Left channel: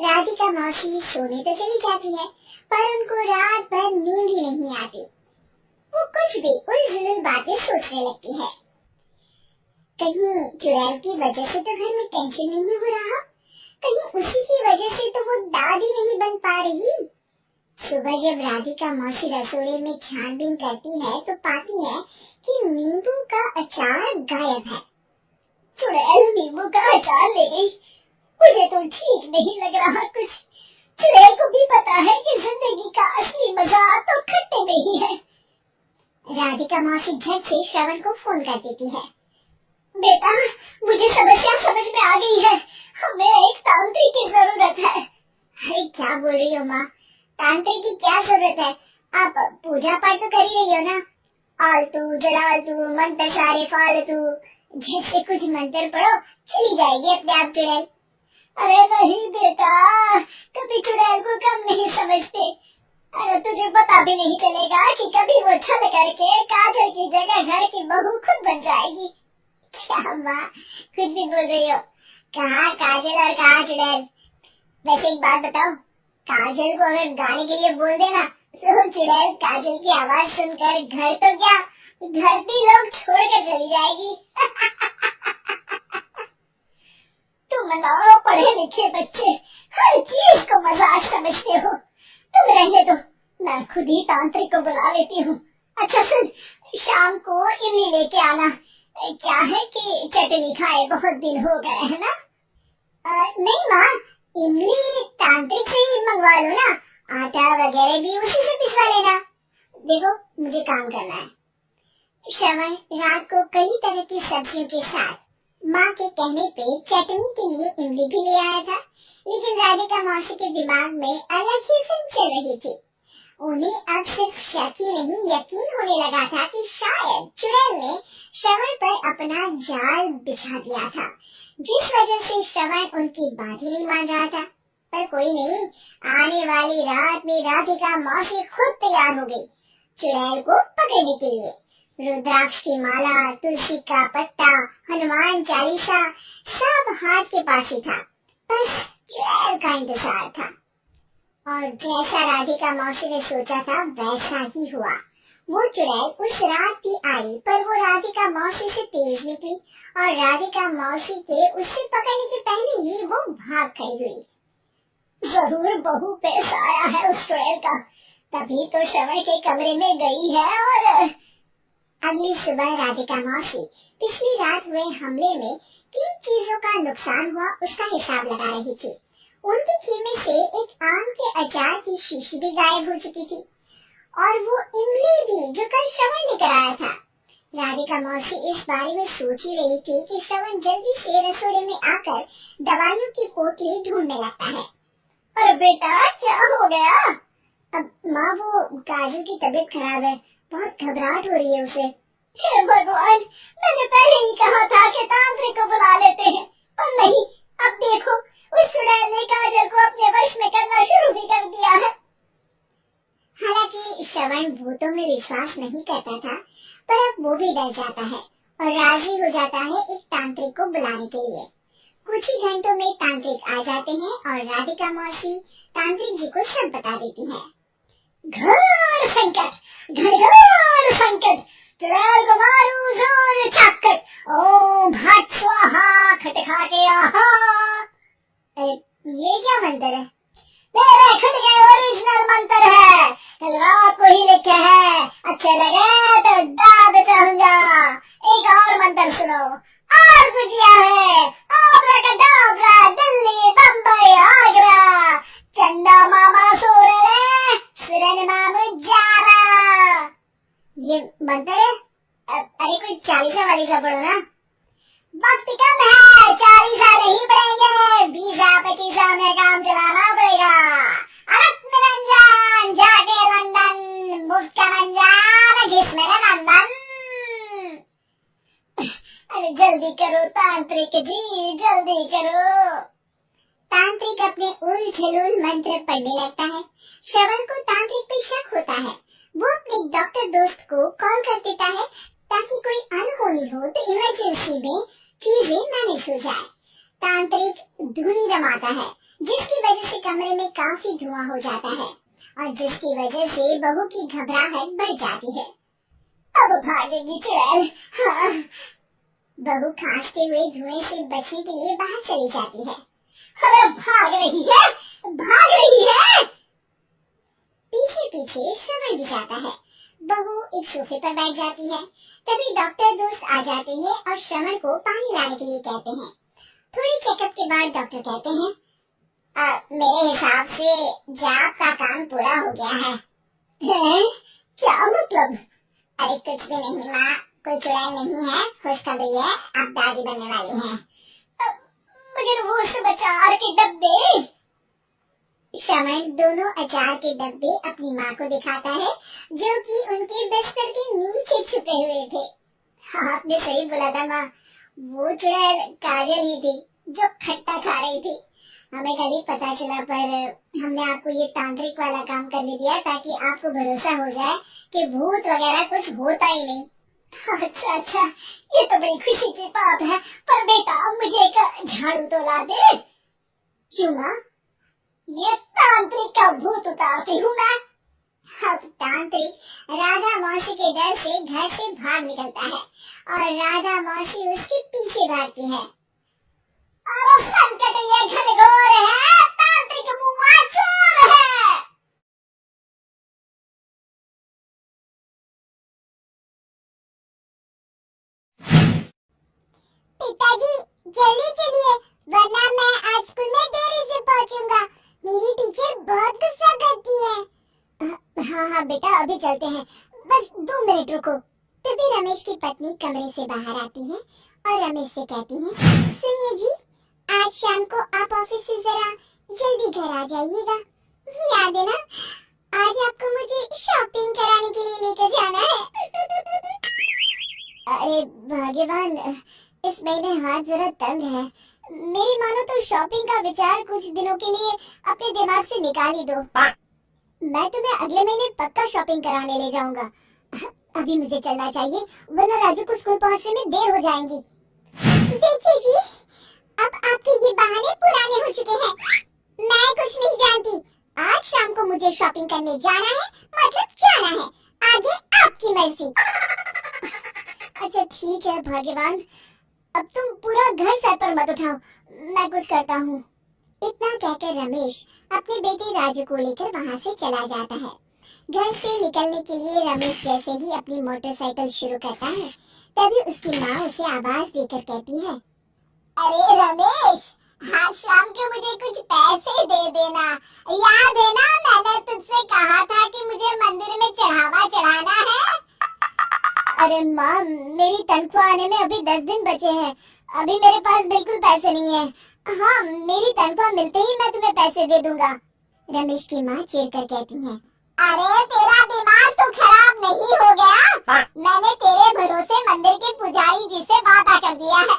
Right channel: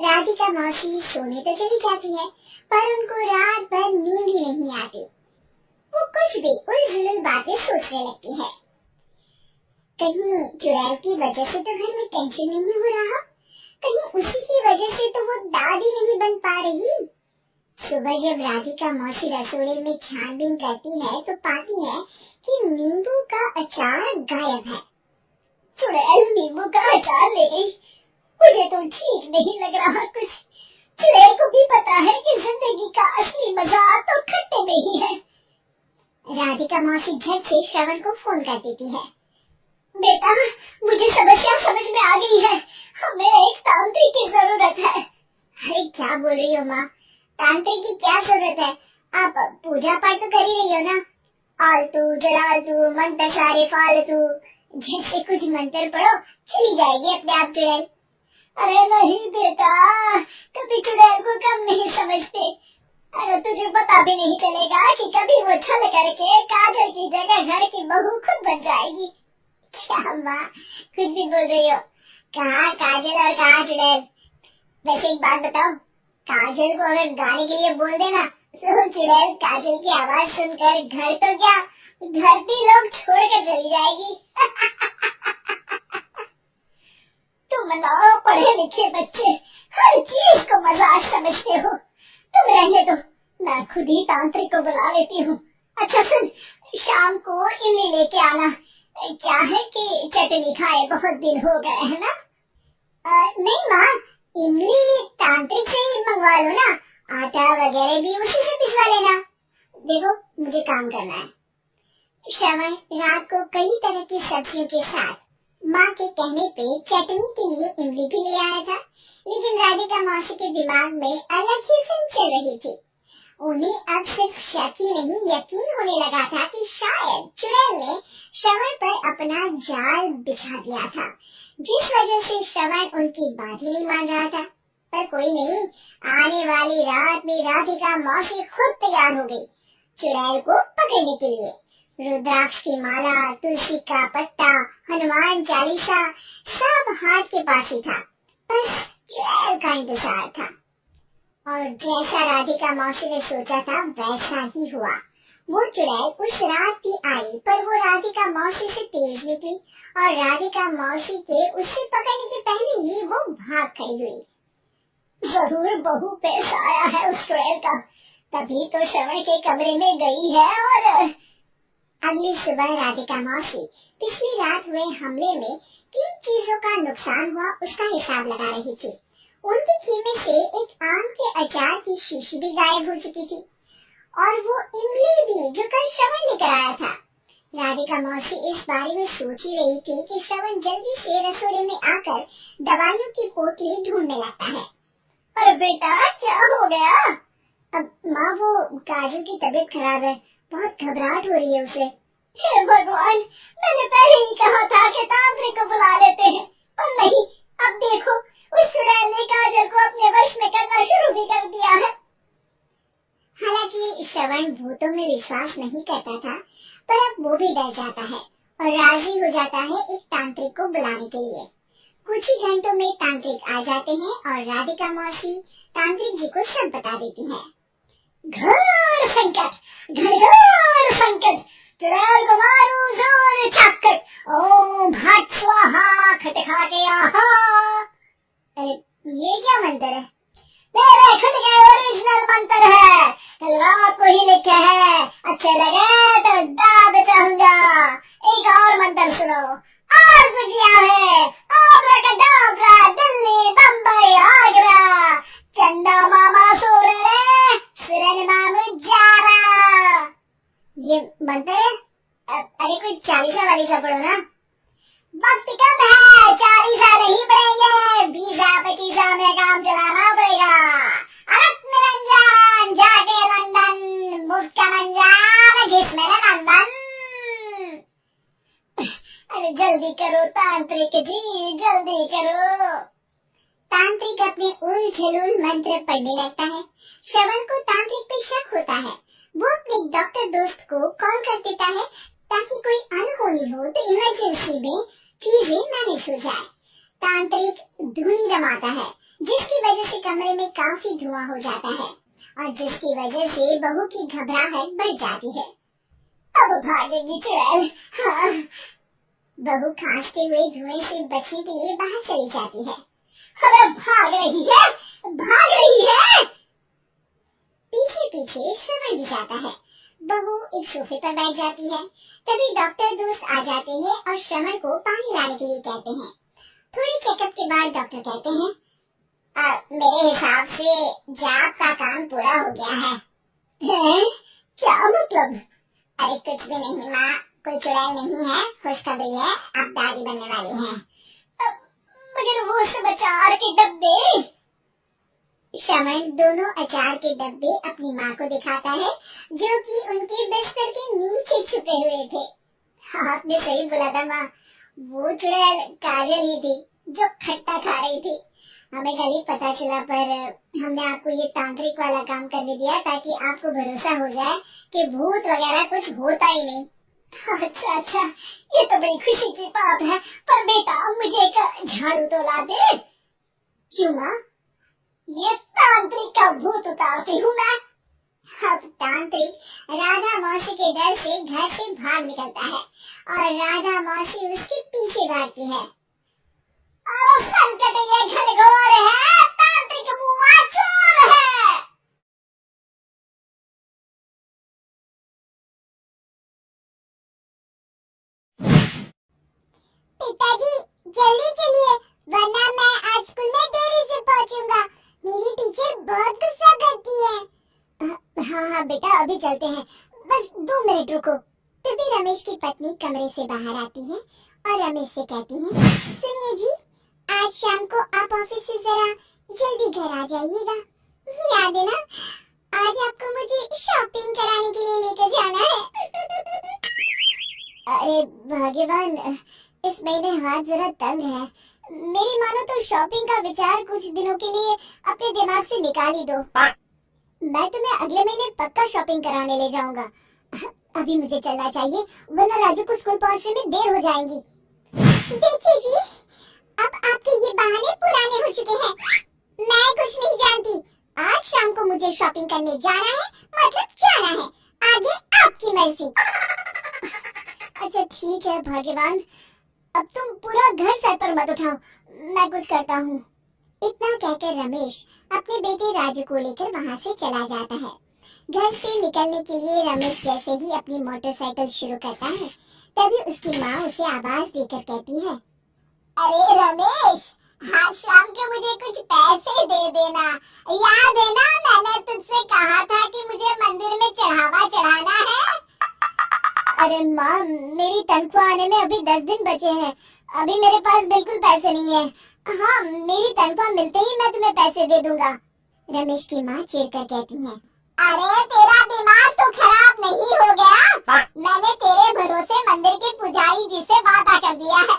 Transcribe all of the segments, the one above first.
राधिका मौसी सोने तो चली जाती है, पर उनको रात भर नींद ही नहीं आती। वो कुछ भी उलझुल बातें सोचने लगती है। कहीं चुड़ैल की वजह से तो घर में टेंशन नहीं हो रहा, कहीं उसी की वजह से तो वो दादी नहीं बन पा रही। सुबह जब राधिका मौसी रसोड़े में छानबीन करती है तो पाती है कि नींबू का अचार गायब है। चुड़ैल नींबू का अचार ले गई, मुझे तो ठीक नहीं लग रहा कुछ। चुड़ैल को भी पता है कि जिंदगी का असली मजा तो खट्टे में ही है। राधिका मौसी झट से श्रवण को फोन कर देती है। बेटा, मुझे समस्या समझ में आ गई है, हमें एक तांत्रिक की जरूरत है। अरे क्या बोल रही हो माँ, तांत्रिक की क्या जरूरत है? आप पूजा पाठ तो कर ही रही हो ना। आलतू जलालतू मंत्र सारे फालतू जैसे कुछ मंत्र पढ़ो, चली जाएगी अपने आप चुड़ैल। अरे नहीं बेटा, कभी चुड़ैल को कम नहीं समझते। अरे तुझे पता भी नहीं चलेगा कि कभी वो छल करके काजल की जगह घर की बहू खुद बन जाएगी। क्या माँ, कुछ भी बोल रही हो? कहाँ काजल और कहाँ चुड़ैल? वैसे एक बात बताओ, काजल को अगर गाने के लिए बोल देना तो चुड़ैल काजल की आवाज सुनकर घर तो क्या, घर भी लोग छोड़कर चली जाएगी। तुम ना पढ़े लिखे बच्चे हर चीज को मजाक समझते हो। तुम रहने दो, मैं खुद ही तांत्रिक को बुला लेती हूँ। अच्छा सुन, शाम को इमली लेके आना। क्या है कि चटनी खाए बहुत दिन हो गए है ना। नहीं माँ, इमली तांत्रिक से ही मंगवा लो ना, आटा वगैरह भी उसी से पिसवा लेना। देखो मुझे काम करना है। श्रवण रात को कई तरह की सब्जियों के साथ माँ के कहने पे चटनी के लिए इमली भी ले आया था, लेकिन राधिका मौसी के दिमाग में अलग ही फिल्म चल रही थी। उन्हें अब सिर्फ शक ही नहीं यकीन होने लगा था कि शायद चुड़ैल ने श्रवण पर अपना जाल बिछा दिया था, जिस वजह से श्रवण उनकी बात ही नहीं मान रहा था। पर कोई नहीं, आने वाली रात में राधिका मौसी खुद तैयार हो गई चुड़ैल को पकड़ने के लिए। रुद्राक्ष की माला, तुलसी का पत्ता, हनुमान चालीसा सब हाथ के पास ही था, बस चुड़ैल का इंतजार था। और जैसा राधिका मौसी ने सोचा था वैसा ही हुआ। वो चुड़ैल उस रात भी आई, पर वो राधिका मौसी से तेज निकली और राधिका मौसी के उससे पकड़ने के पहले ही वो भाग खड़ी हुई। जरूर बहू पैसा आया है उस चुड़ैल का, तभी तो श्रवण के कमरे में गई है। और अगली सुबह राधिका मौसी पिछली रात हुए हमले में किन चीजों का नुकसान हुआ उसका हिसाब लगा रही थी। उनके खेमे से एक आम के अचार की शीशी भी गायब हो चुकी थी, और वो इमली भी जो कल श्रवण लेकर आया था। राधिका मौसी इस बारे में सोच ही रही थी कि श्रवण जल्दी से रसोड़े में आकर दवाइयों की पोटली ढूंढने लगता है। अरे बेटा क्या हो गया? अब माँ, वो काजल की तबीयत खराब है, बहुत घबराहट हो रही है उसे। हे भगवान, मैंने पहले ही कहा था कि तांत्रिक को बुला लेते हैं, और नहीं, अब देखो उस चुड़ैल ने काजल को अपने वश में करना शुरू भी कर दिया है। हालांकि श्रवण भूतों में विश्वास नहीं करता था, पर अब वो भी डर जाता है और राजी हो जाता है एक तांत्रिक को बुलाने के लिए। कुछ ही घंटों में तांत्रिक आ जाते हैं और राधिका मौसी तांत्रिक जी को सब बता देती है। घोर संकट, घनघोर संकट, चुड़ैल को मारो जोर चाकट, ओम हट स्वाहा खटखाटे आहा। ये क्या मंत्र है? मेरे खुद के ओरिजिनल मंत्र है, कल रात को ही लिखे हैं, अच्छे लगे तो दाद चाहूंगा। एक और मंत्र सुनो, और कुछ है, आब्राकडाब्रा, दिल्ली बम्बई आगरा, चंदा मामा सो रहे, सुरन मामू जारा। ये मंत्र है? अरे कोई चालीसा वालीसा पढ़ो ना। वक्त कम है, चालीसा नहीं पढ़ेंगे, 20-25 में काम चलाना पड़ेगा। अलग निरंजन जाके लंदन, मुफ्त का मंजान घिस मेरा नंदन। अरे जल्दी करो तांत्रिक जी, जल्दी करो। तांत्रिक अपने उल झलूल मंत्र पढ़ने लगता है। श्रवण को तांत्रिक पे शक होता है। वो अपने डॉक्टर दोस्त को कॉल कर देता है ताकि कोई अनहोनी हो तो इमरजेंसी में चीजें मैनेज हो जाए। तांत्रिक धुनी रमाता है, जिसकी वजह से कमरे में काफी धुआं हो जाता है और जिसकी वजह से बहू की घबराहट बढ़ जाती है। अब भागेगी चुड़ैल। हाँ। बहू खांसते हुए धुएं से बचने के लिए बाहर चली जाती है। अरे भाग रही है, भाग रही है। पीछे पीछे श्रवण भी जाता है। बहू एक सोफे पर बैठ जाती है। तभी डॉक्टर दोस्त आ जाते हैं और श्रवण को पानी लाने के लिए कहते हैं। थोड़ी चेकअप के बाद डॉक्टर कहते हैं, मेरे हिसाब से जाप का काम पूरा हो गया है। क्या मतलब? अरे कुछ भी नहीं माँ, कोई चुड़ैल नहीं है, खुशखबरी है, आप दादी बनने वाली हैं। मगर वो सब अचार के डब्बे। श्रवण दोनों अचार के डब्बे अपनी माँ को दिखाता है जो कि उनके बिस्तर के नीचे छुपे हुए थे। आपने सही बोला था माँ, वो चुड़ैल काजल ही थी जो खट्टा खा रही थी। हमें कल ही पता चला, पर हमने आपको ये तांत्रिक वाला काम करने दिया ताकि आपको भरोसा हो जाए कि भूत वगैरह कुछ होता ही नहीं। अच्छा अच्छा, ये तो बड़ी खुशी की बात है, पर बेटा मुझे एक झाड़ू तो ला दे। क्यों माँ? ये तांत्रिक का भूत उतारती हूँ मैं। अब तांत्रिक राधा मौसी के डर से घर से भाग निकलता है और राधा मौसी उसके पीछे भागती है। अरे संकट, ये घनघोर है, तांत्रिक मुआ चोर है। पिताजी जल्दी चलिए, वरना मैं आज स्कूल में देरी से पहुंचूंगा। मेरी टीचर बहुत गुस्सा करती है। हाँ हाँ बेटा, अभी चलते हैं, बस 2 मिनट रुको। तभी रमेश की पत्नी कमरे से बाहर आती है और रमेश से कहती है, सुनिए जी, आज शाम को आप ऑफिस से जरा जल्दी घर आ जाइएगा। याद है ना, आज आपको मुझे शॉपिंग कराने के लिए लेकर जाना है। अरे भाग्यवान, इस महीने हाथ जरा तंग है। मेरी मानो तो शॉपिंग का विचार कुछ दिनों के लिए अपने दिमाग से निकाल ही दो। मैं तुम्हें अगले महीने पक्का शॉपिंग कराने ले जाऊंगा। अभी मुझे चलना चाहिए, वरना राजू को स्कूल पहुंचने में देर हो जाएगी। देखिए जी, अब आपके ये बहाने पुराने हो चुके हैं। मैं कुछ नहीं जानती। आज शाम को मुझे शॉपिंग करने जाना है, मतलब जाना है। आगे आपकी मर्जी। अच्छा ठीक है भाग्यवान, अब तुम पूरा घर सर पर मत उठाओ, मैं कुछ करता हूँ। इतना कहकर रमेश अपने बेटे राजू को लेकर वहाँ से चला जाता है। घर से निकलने के लिए रमेश जैसे ही अपनी मोटरसाइकिल शुरू करता है, तभी उसकी माँ उसे आवाज देकर कहती है, अरे रमेश, आज शाम को मुझे कुछ पैसे दे देना। याद है ना, मैंने तुझसे कहा था कि मुझे मंदिर में चढ़ावा चढ़ाना है। अरे माँ, मेरी तनख्वाह आने में अभी 10 दिन बचे हैं, अभी मेरे पास बिल्कुल पैसे नहीं है। हाँ, मेरी तनख्वाह मिलते ही मैं तुम्हें पैसे दे दूंगा। रमेश की माँ चिढ़कर कहती है, अरे तेरा दिमाग तो खराब नहीं हो गया? मैंने तेरे भरोसे मंदिर के पुजारी जी से वादा कर दिया है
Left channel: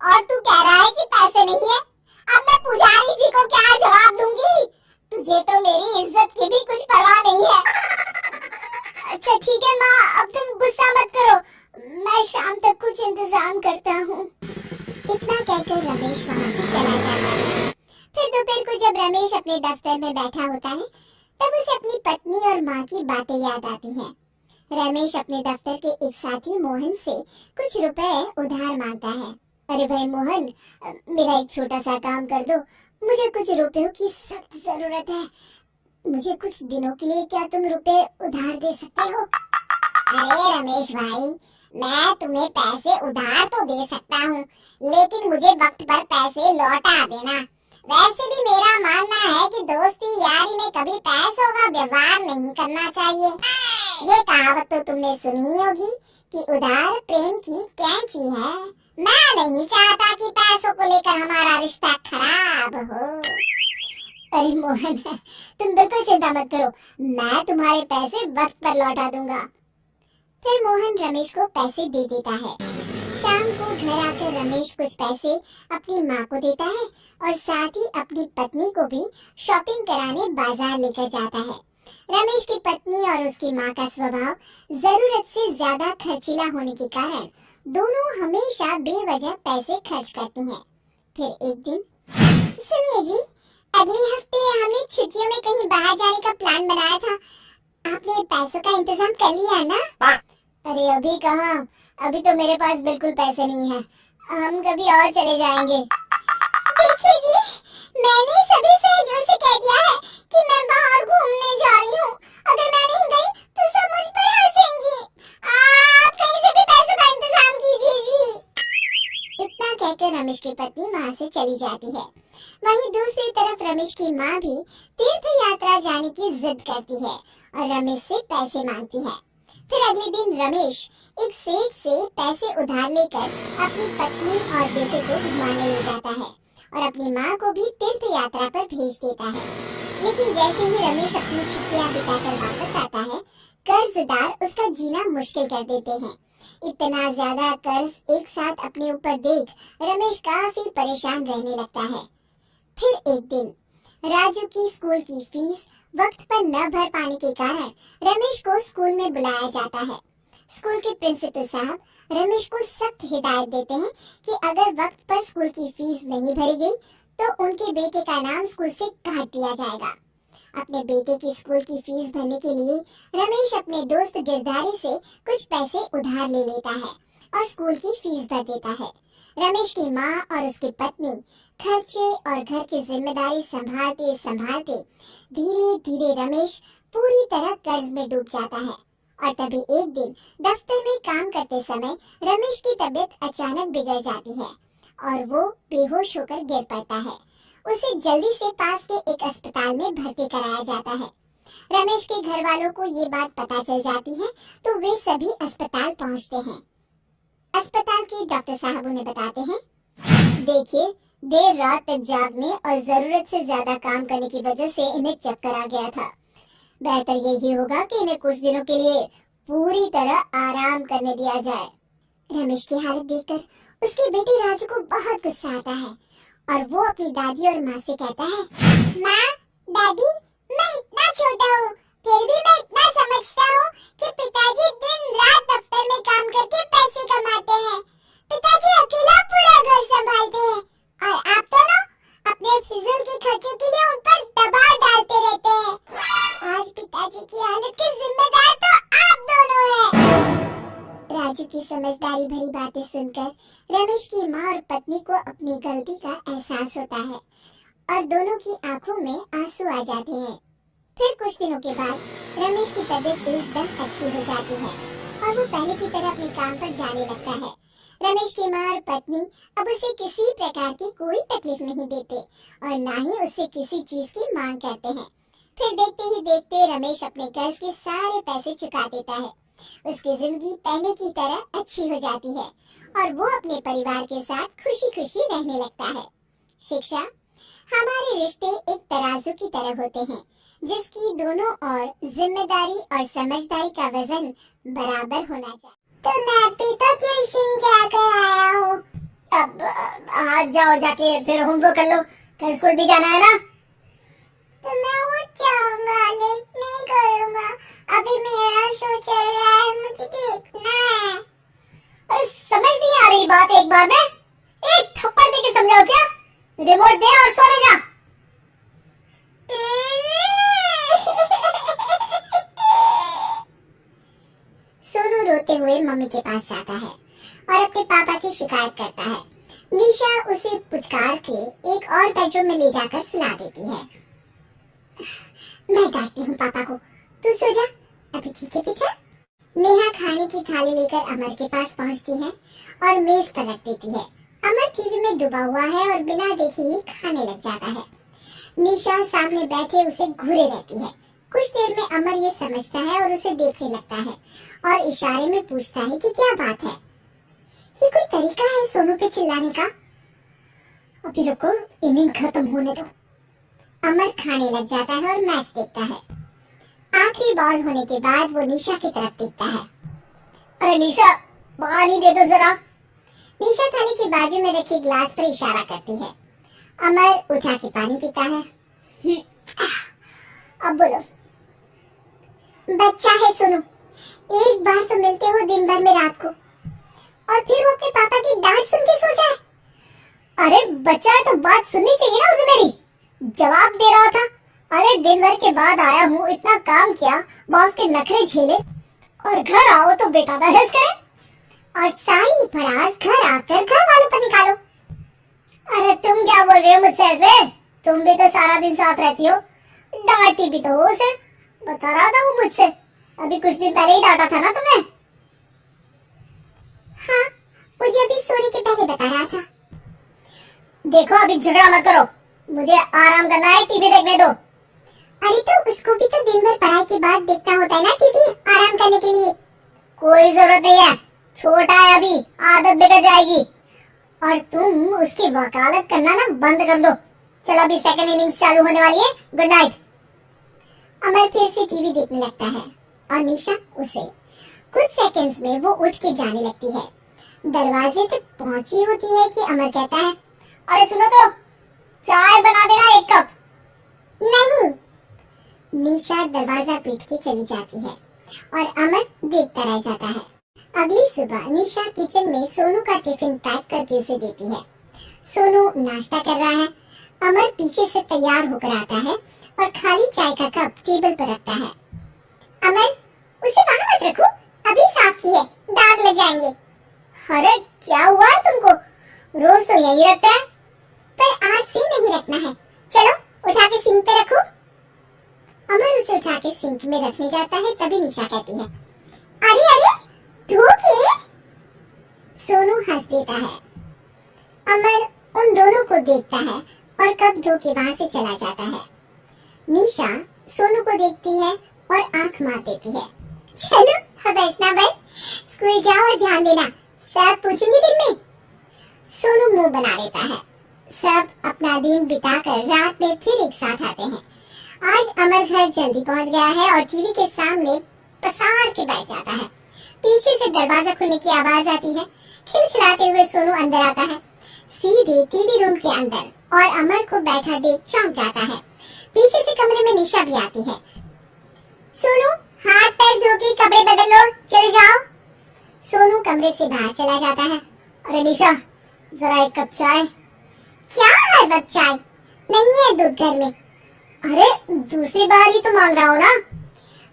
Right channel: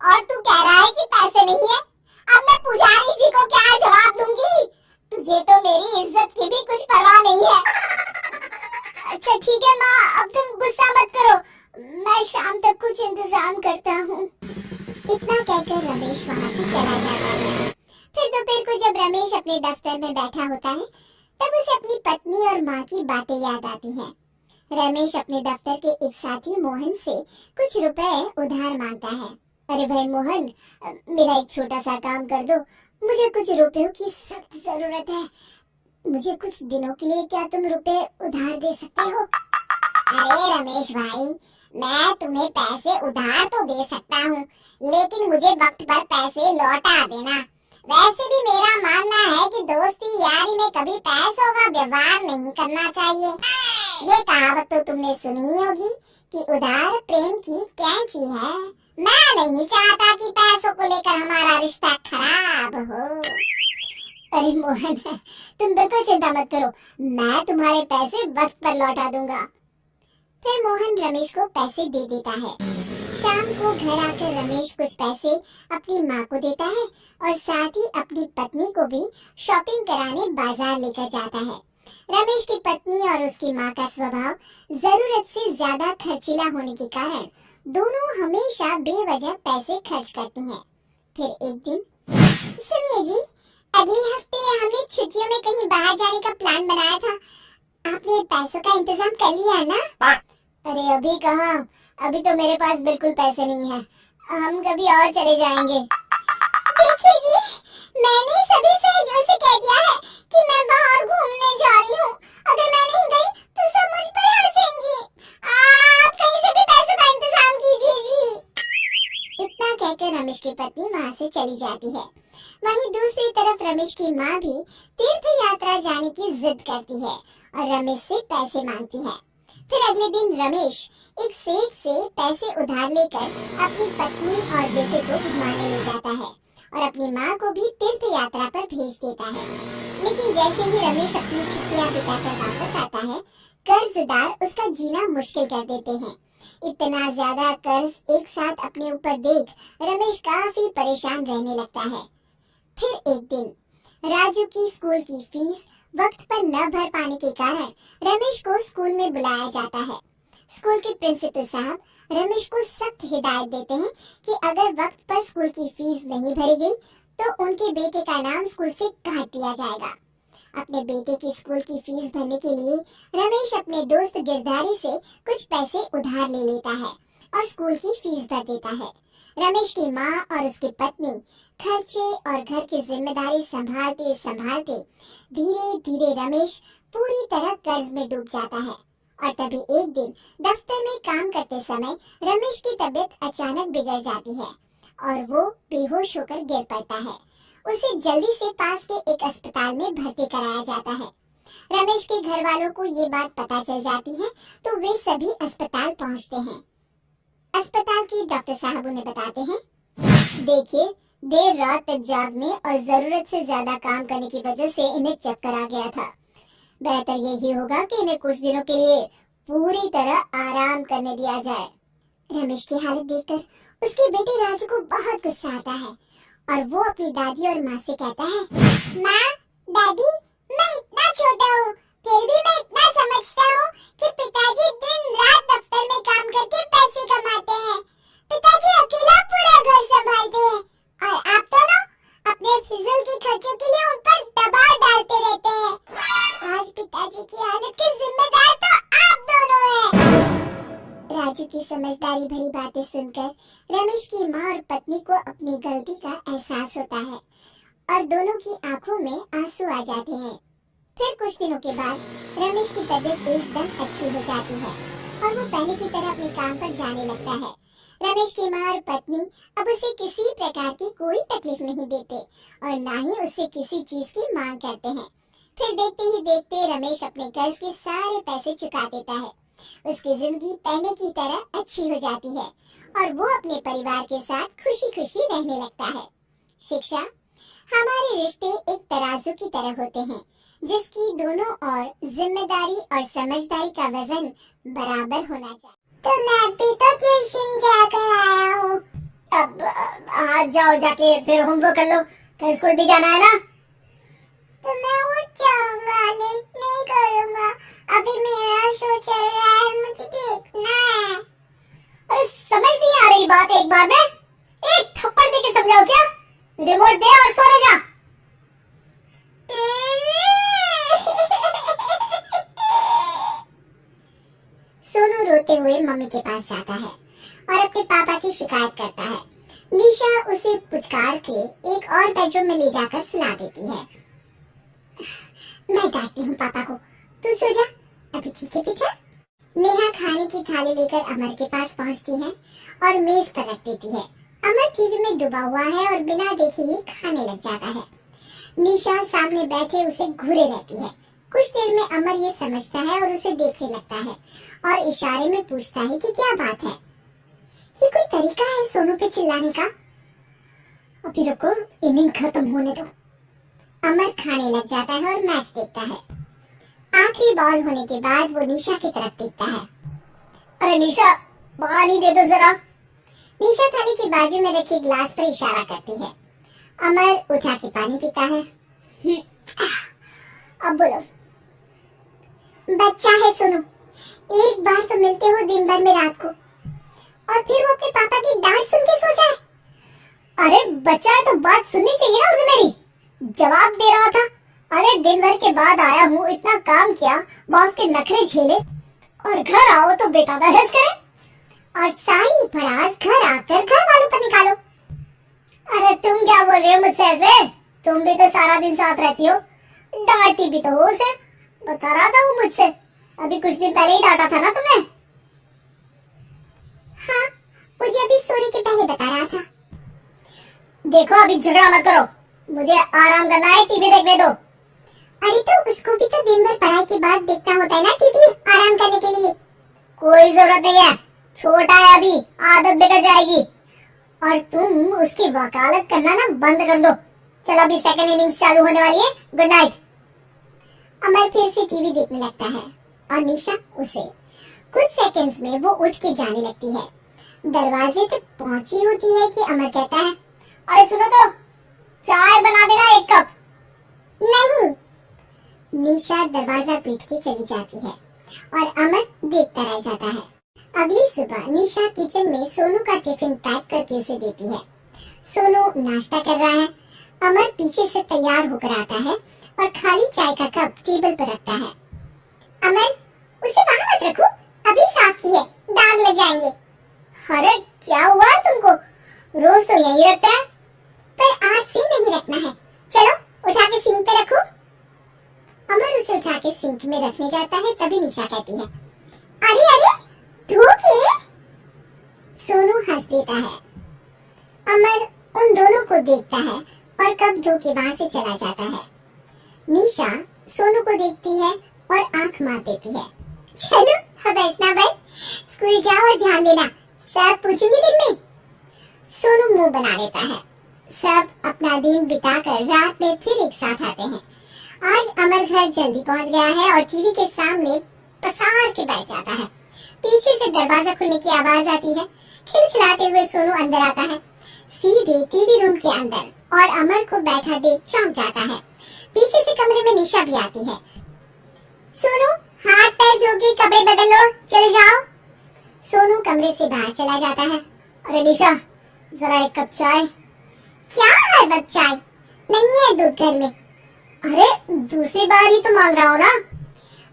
और तू कह रहा है कि पैसे नहीं है। अब मैं पुजारी जी को क्या जवाब दूंगी? तुझे तो मेरी इज्जत की भी कुछ परवाह नहीं है। अच्छा ठीक है माँ, अब तुम गुस्सा मत करो, मैं शाम तक कुछ इंतजाम करता हूँ। इतना कहकर रमेश वहाँ से चला जाता है। फिर दोपहर को जब रमेश अपने दफ्तर में बैठा होता है, तब उसे अपनी पत्नी और माँ की बातें याद आती हैं। रमेश अपने दफ्तर के एक साथी मोहन से कुछ रुपए उधार मांगता है। अरे भाई मोहन, मेरा एक छोटा सा काम कर दो, मुझे कुछ रुपयों की सख्त जरूरत है। मुझे कुछ दिनों के लिए क्या तुम रुपए उधार दे सकते हो? अरे रमेश भाई, मैं तुम्हें पैसे उधार तो दे सकता हूँ, लेकिन मुझे वक्त पर पैसे लौटा देना। वैसे भी मेरा मानना है कि दोस्ती यारी में कभी पैसों का व्यवहार नहीं करना चाहिए। ये कहावत तो तुमने सुनी ही होगी कि उधार प्रेम की कैंची है। मैं नहीं चाहता कि पैसों को लेकर हमारा रिश्ता खराब हो। अरे मोहन, तुम बिल्कुल चिंता मत करो, मैं तुम्हारे पैसे वक्त पर लौटा दूंगा। फिर मोहन रमेश को पैसे दे देता है। शाम को घर आकर रमेश कुछ पैसे अपनी माँ को देता है और साथ ही अपनी पत्नी को भी शॉपिंग कराने बाजार लेकर जाता है। रमेश की पत्नी और उसकी माँ का स्वभाव जरूरत से ज्यादा खर्चीला होने के कारण दोनों हमेशा बेवजह पैसे खर्च करती हैं। फिर एक दिन, सुनिए जी, अगले हफ्ते हमने छुट्टियों में कहीं बाहर जाने का प्लान बनाया था। आपने पैसों का इंतजाम कर लिया है ना? अरे अभी कहाँ, अभी तो मेरे पास बिल्कुल पैसे नहीं है। हम कभी और चले जाएंगे। देखिए जी, मैंने सभी सहेलियों से कह दिया है कि मैं बाहर घूमने जा रही हूँ। अगर मैं नहीं गई तो सब मुझ पर हंसेंगी। आप कहीं से भी पैसों का इंतजाम कीजिए जी। इतना कहकर रमेश की पत्नी वहाँ से चली जाती है। वहीं दूसरी तरफ रमेश की माँ भी तीर्थ यात्रा जाने की जिद करती है और रमेश से पैसे मांगती है। फिर अगले दिन रमेश एक सेठ से पैसे उधार लेकर अपनी पत्नी और बेटे को घुमाने ले जाता है और अपनी माँ को भी तीर्थ यात्रा पर भेज देता है। लेकिन जैसे ही रमेश अपनी छुट्टियां बिताकर वापस आता है, कर्जदार उसका जीना मुश्किल कर देते हैं। इतना ज्यादा कर्ज एक साथ अपने ऊपर देख रमेश काफी परेशान रहने लगता है। फिर एक दिन राजू की स्कूल की फीस वक्त पर न भर पाने के कारण रमेश को स्कूल में बुलाया जाता है। स्कूल के प्रिंसिपल साहब रमेश को सख्त हिदायत देते हैं कि अगर वक्त पर स्कूल की फीस नहीं भरी गई तो उनके बेटे का नाम स्कूल से काट दिया जाएगा। अपने बेटे की स्कूल की फीस भरने के लिए रमेश अपने दोस्त गिरधारी से कुछ पैसे उधार ले लेता है और स्कूल की फीस भर देता है। रमेश की माँ और उसकी पत्नी खर्चे और घर की जिम्मेदारी संभालते संभालते धीरे धीरे रमेश पूरी तरह कर्ज में डूब जाता है। और तभी एक दिन दफ्तर में काम करते समय रमेश की तबीयत अचानक बिगड़ जाती है और वो बेहोश होकर गिर पड़ता है। उसे जल्दी से पास के एक अस्पताल में भर्ती कराया जाता है। रमेश के घर वालों को ये बात पता चल जाती है तो वे सभी अस्पताल पहुंचते हैं। अस्पताल के डॉक्टर साहब उन्हें बताते हैं, देखिए देर रात तक जागने और जरूरत से ज्यादा काम करने की वजह से इन्हें चक्कर आ गया था। बेहतर यही होगा कि इन्हें कुछ दिनों के लिए पूरी तरह आराम करने दिया जाए। रमेश की हालत देखकर उसके बेटे राजू को बहुत गुस्सा आता है और वो अपनी दादी और माँ से कहता है, माँ, दादी, मैं इतना छोटा हूँ फिर भी मैं इतना समझता हूँ कि पिताजी दिन रात दफ्तर में काम करके पैसे कमाते हैं। पिताजी अकेला पूरा घर संभालते हैं और आप दोनों अपने फिजूल के खर्चों के लिए उन पर दबाव डालते रहते हैं। आज पिताजी की हालत के जिम्मेदार तो आप दोनों हैं। राजू की समझदारी भरी बातें सुनकर रमेश की माँ और पत्नी को अपनी गलती का एहसास होता है और दोनों की आंखों में आंसू आ जाते हैं। फिर कुछ दिनों के बाद रमेश की तबीयत एकदम अच्छी हो जाती है और वो पहले की तरह अपने काम पर जाने लगता है। रमेश की माँ और पत्नी अब उसे किसी प्रकार की कोई तकलीफ नहीं देते और ना ही उससे किसी चीज की मांग करते हैं। फिर देखते ही देखते रमेश अपने कर्ज के सारे पैसे चुका देता है। उसकी जिंदगी पहले की तरह अच्छी हो जाती है और वो अपने परिवार के साथ खुशी खुशी रहने लगता है। शिक्षा, हमारे रिश्ते एक तराजू की तरह होते हैं जिसकी दोनों ओर जिम्मेदारी और समझदारी का वजन बराबर होना चाहिए। तो मैं भी तो ट्यूशन जाकर आया हूँ। अब आज जाओ, जाके फिर होमवर्क कर लो, कल स्कूल भी जाना है ना। तो मैं उठ जाऊंगा, लेट नहीं करूंगा। अभी मेरा शो चल रहा है, मुझे देखना है। अरे समझ नहीं आ रही बात एक बार में? एक थप्पड़ दे के समझाओ क्या? रिमोट दे और सोने जा। सोनू रोते हुए मम्मी के पास जाता है और अपने पापा की शिकायत करता है। निशा उसे पुचकार के एक और बेडरूम में ले जाकर सुला देती है। मैं डांटती हूँ पापा को, तू सो जा, अभी ठीक है बेटा। नेहा खाने की थाली लेकर अमर के पास पहुँचती है और मेज पर रख देती है। अमर टीवी में डूबा हुआ है और बिना देखे ही खाने लग जाता है। निशा सामने बैठे उसे घूरे रहती है। कुछ देर में अमर ये समझता है और उसे देखने लगता है और इशारे में पूछता है कि क्या बात है। ये कोई तरीका है सोनू पे चिल्लाने का? अभी रुको, इनिंग खत्म होने दो। अमर खाने लग जाता है और मैच देखता है। आखिरी बॉल होने के बाद वो निशा की तरफ देखता है। अरे निशा, पानी दे दो जरा। निशा थाली के बाजू में रखे गिलास पर इशारा करती है। अमर उठा के पानी पीता है। अब बोलो। बच्चा है सोनू, एक बार तो मिलते हो दिन भर में रात को और फिर वो अपने पापा की डांट सुन के सो जाए। अरे बच्चा है तो बात सुननी चाहिए ना उसे मेरी। जवाब दे रहा था। अरे दिन भर के बाद आया हूँ, इतना काम किया, बॉस के नखरे झेले और घर आओ तो बेटा बहस करे और सारी भड़ास घर आकर घर वालों पर निकालो। अरे तुम क्या बोल रहे हो मुझसे ऐसे? तुम भी तो सारा दिन साथ रहती हो, डांटती भी तो हो उसे। बता रहा था वो मुझसे, अभी कुछ दिन पहले ही डांटा था ना तुमने। हाँ, मुझे अभी सोने के पहले बता रहा था। देखो अभी झगड़ा मत करो, मुझे आराम करना है, टीवी देखने दो। अरे तो उसको भी तो दिन भर पढ़ाई के बाद देखना होता है ना टीवी, आराम करने के लिए। कोई जरूरत नहीं है, छोटा है अभी, आदत बिगड़ जाएगी। और तुम उसकी वकालत करना ना बंद कर दो। चलो अभी सेकंड इनिंग्स चालू होने वाली है, गुड नाइट। अमर फिर से टीवी देखने लगता है और निशा उसे। कुछ सेकंड्स में वो उठ के जाने लगती है। दरवाजे तक पहुंची होती है कि अमर कहता है, अरे सुनो तो, चाय बना देना 1 कप। नहीं। निशा दरवाजा पीट के चली जाती है और अमर देखता रह जाता है। अगली सुबह निशा किचन में सोनू का टिफिन पैक करके उसे देती है। सोनू नाश्ता कर रहा है। अमर पीछे से तैयार होकर आता है और खाली चाय का कप टेबल पर रखता है। अमर, उसे वहाँ मत रखो, अभी साफ की है, दाग लग जाएंगे। अरे क्या हुआ तुमको? रोज तो यही रखते हैं। पर आज से नहीं रखना है, चलो उठा के सिंक पे रखो। अमर उसे उठा के सिंक में रखने जाता है, तभी निशा कहती है, अरे अरे धो के। सोनू हंस देता है। अमर उन दोनों को देखता है और कप धो के वहां से चला जाता है। निशा सोनू को देखती है और आंख मार देती है। चलो अब ऐसा बस, स्कूल जाओ और ध्यान देना, सब पूछूंगी दिन में। सोनू मुंह बना लेता है। सब अपना दिन बिताकर रात में फिर एक साथ आते हैं। आज अमर घर जल्दी पहुंच गया है और टीवी के सामने पसार के बैठ जाता है। पीछे से दरवाजा खुलने की आवाज आती है। खिलखिलाते हुए सोनू अंदर आता है, सीधे टीवी रूम के अंदर, और अमर को बैठा देख चौंक जाता है। पीछे से कमरे में निशा भी आती है। सोनू, हाथ पैर धो के कपड़े बदल लो, चले जाओ। सोनू कमरे से बाहर चला जाता है। अरे निशा, जरा 1 कप चाय। क्या हर वक्त चाय? नहीं है दूध घर में। अरे दूसरी बार ही तो मांग रहा हूँ ना।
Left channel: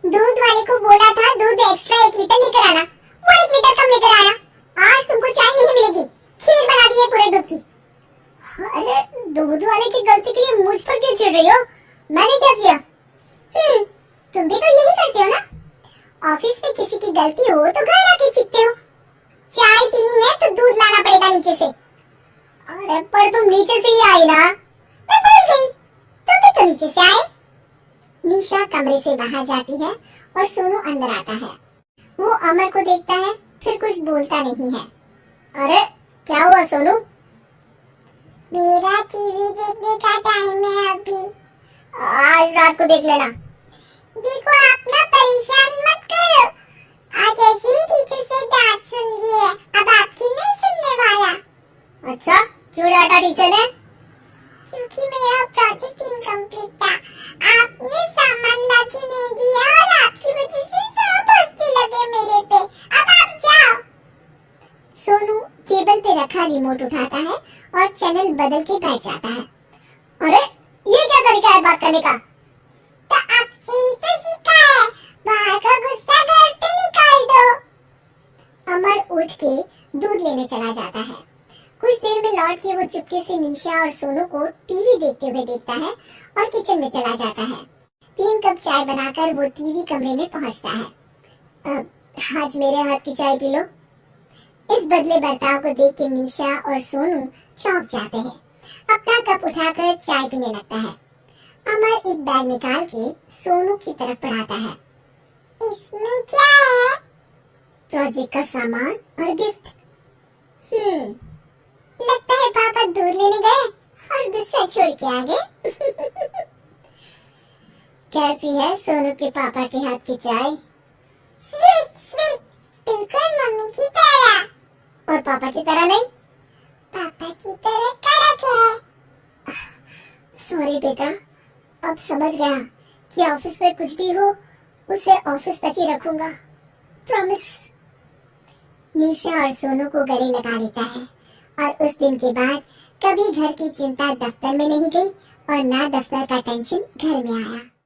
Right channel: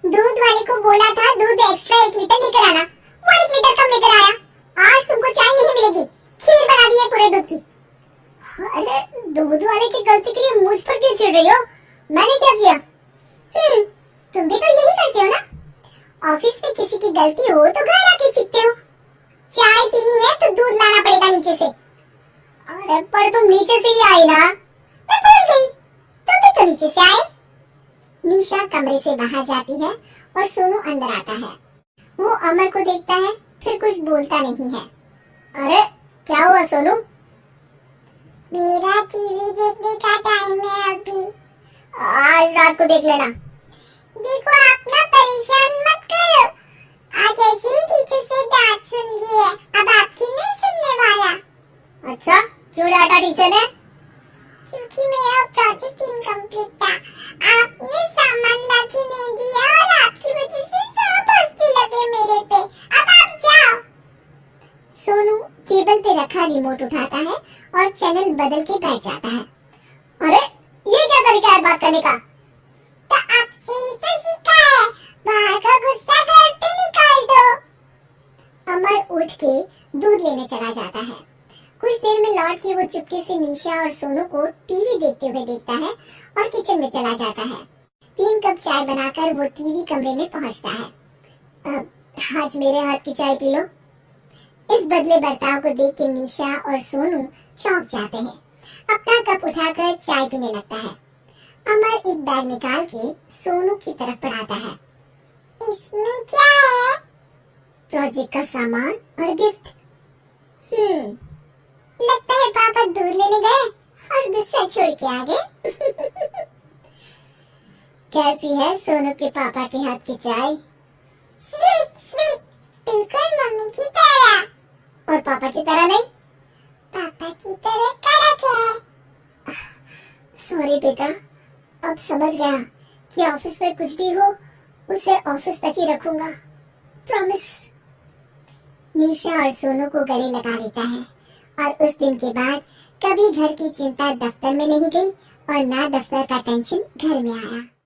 दूध वाले को बोला था दूध एक्स्ट्रा 1 लीटर लेकर आना, वो 1 लीटर कम लेकर आया। आज तुमको चाय नहीं मिलेगी, खीर बना दी है पूरे दूध की। अरे दूध वाले की गलती के लिए मुझ पर क्यों चिढ़ रही हो? मैंने क्या किया? तुम भी तो यही करते हो ना। ऑफिस में किसी की गलती हो तो घर आके चीखते हो। चाय पीनी है तो दूध लाना पड़ेगा नीचे से। अरे पर तुम नीचे से ही आई ना। मैं भूल गई, तुम भी तो नीचे से आए। निशा कमरे से बाहर जाती है और सोनू अंदर आता है। वो अमर को देखता है, फिर कुछ बोलता नहीं है। अरे क्या हुआ सोनू? मेरा टीवी देखने का टाइम है अभी। आज रात को देख लेना। देखो आप ना परेशान मत करो, आज ऐसे ही टीचर से डांट सुन ली है, अब आपकी नहीं सुनने वाला। अच्छा, क्यों डांटा टीचर ने? क्योंकि मेरा प्रोजेक्ट इनकम्प्लीट था, आपने सामान लाके नहीं दिया और आपकी वजह से सब हंसने लगे मेरे पे। अब आप जाओ। सोनू टेबल पे रखा रिमोट उठाता है और चैनल बदल के बैठ जाता है। अरे ये क्या तरीका है बात करने का? तो आपसे ही तो सीखा है, बाहर का गुस्सा घर पे निकाल दो। अमर उठ के दूध लेने चला जाता है। कुछ देर में लौट के वो चुपके से निशा और सोनू को टीवी देखते हुए देखता है और किचन में चला जाता है। 3 कप चाय बनाकर वो टीवी कमरे में पहुंचता है। आज मेरे हाथ की चाय पी लो। इस बदले बर्ताव को देख के निशा और सोनू चौंक जाते हैं। अपना कप उठाकर चाय पीने लगता है। अमर एक बैग निकाल के सोनू की तरफ बढ़ाता है। इसमें क्या है? प्रोजेक्ट का सामान और गिफ्ट। लगता है पापा दूध लेने गए और गुस्सा छोड़ के आ गए। कैसी है सोनू के पापा के हाथ की चाय? स्वीट स्वीट, बिल्कुल मम्मी की तरह। और पापा की तरह नहीं? पापा की तरह कड़क है। सॉरी बेटा, अब समझ गया कि ऑफिस में कुछ भी हो उसे ऑफिस तक ही रखूंगा, प्रॉमिस। निशा और सोनू को गले लगा लेता है और उस दिन के बाद कभी घर की चिंता दफ्तर में नहीं गई और ना दफ्तर का टेंशन घर में आया।